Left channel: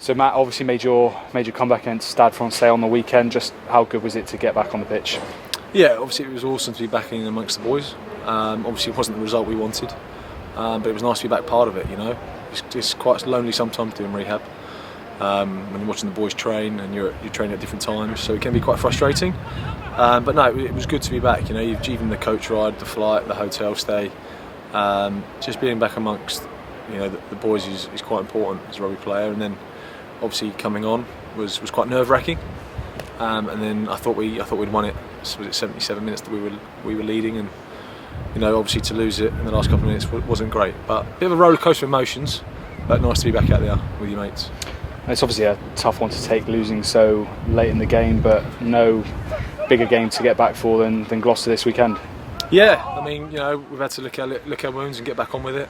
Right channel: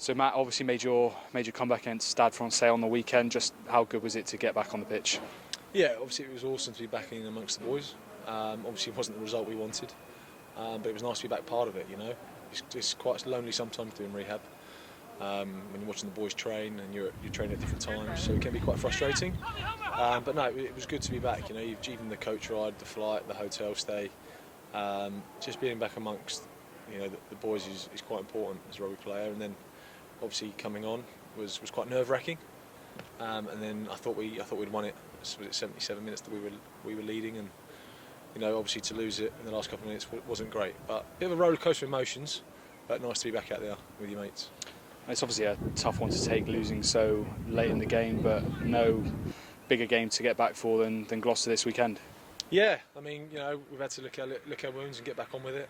So Matt obviously made your comeback against Stade Francais on the weekend. Just how good was it to get back on the pitch? Yeah, obviously it was awesome to be back in amongst the boys. Obviously it wasn't the result we wanted, but it was nice to be back part of it. You know, it's quite lonely sometimes doing rehab when you're watching the boys train and you're training at different times, so it can be quite frustrating. But no, it was good to be back. You know, even the coach ride, the flight, the hotel stay, just being back amongst the boys is quite important as a rugby player. And then obviously coming on was quite nerve-wracking. And then I thought we'd won it. Was it 77 minutes that we were leading, and obviously to lose it in the last couple of minutes wasn't great. But a bit of a roller coaster of emotions, but nice to be back out there with your mates. It's obviously a tough one to take, losing so late in the game, but no bigger game to get back for than Gloucester this weekend. Yeah, I mean, we've had to lick our wounds and get back on with it.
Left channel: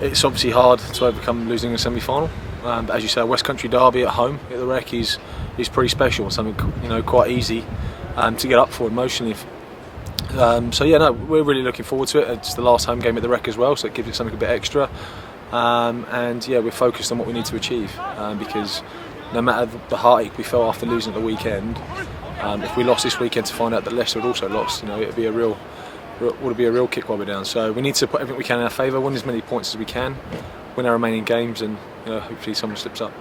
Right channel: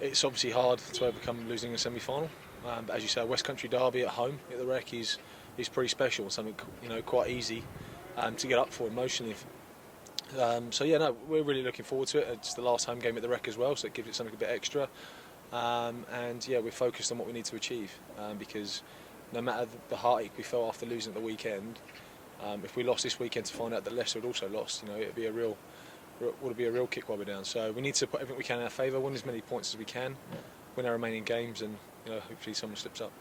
It's obviously hard to overcome losing a semi-final, but as you say, a West Country derby at home at the Rec is pretty special. Something quite easy to get up for emotionally. So yeah, no, we're really looking forward to it. It's the last home game at the Rec as well, so it gives it something a bit extra. And yeah, we're focused on what we need to achieve, because no matter the heartache we felt after losing at the weekend, if we lost this weekend to find out that Leicester had also lost, it'd be a real kick while we're down. So we need to put everything we can in our favour, win as many points as we can, win our remaining games, and hopefully someone slips up.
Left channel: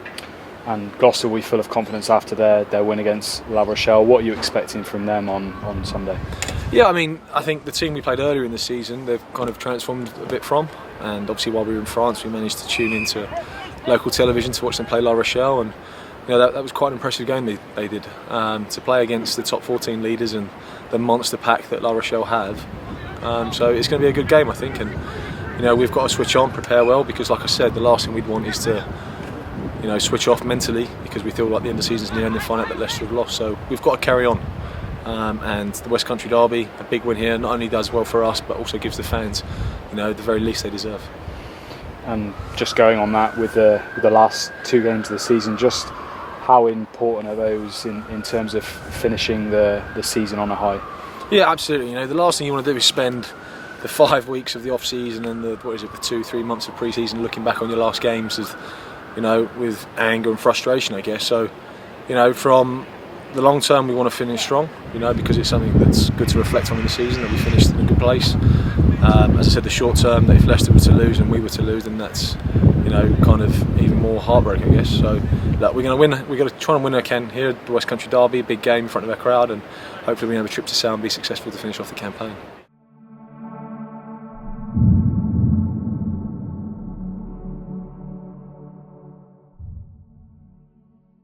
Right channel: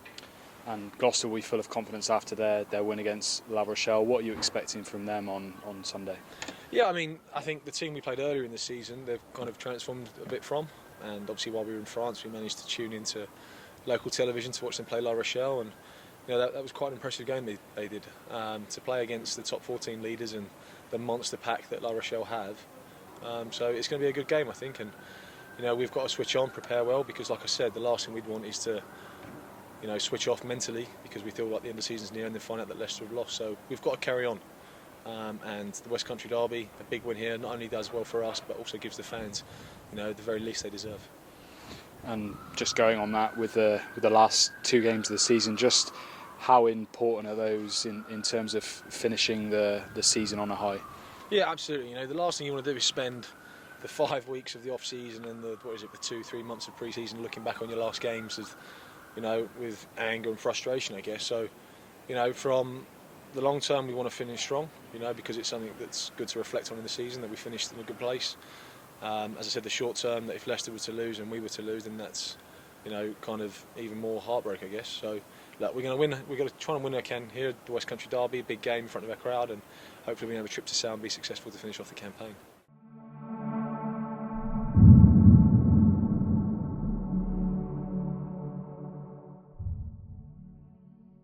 And Gloucester will be full of confidence after their win against La Rochelle. What are you expecting from them on Sunday? Yeah, I mean, I think the team we played earlier in the season, they've kind of transformed a bit from. And obviously while we were in France, we managed to tune into local television to watch them play La Rochelle, and that was quite an impressive game they did. To play against the top 14 leaders and the monster pack that La Rochelle have. So it's going to be a good game, I think, and we've got to switch on, prepare well, because like I said, the last thing we'd want is to switch off mentally because we feel like the end of the season's near and then find out that Leicester have lost. So we've got to carry on. And the West Country derby, a big win here, not only does well for us but also gives the fans the very least they deserve. And just going on that, with the last two games of the season, just how important are those in terms of finishing the season on a high? Yeah, absolutely. The last thing you want to do is spend the 5 weeks of the off season and the 2-3 months of pre-season looking back on your last games as with anger and frustration, I guess. So from the long term, we want to finish strong, because it's something that's good to reflect on in the season, that we finished in a good place. As I said, the short term, that if Leicester were to lose and we were to lose, then that's kind of even more heartbreaking, I guess. So that we're going to win. We're going to try and win our can here at the West Country derby, big game in front of our crowd, and hopefully we have a trip to Sale and be successful to finish off the campaign.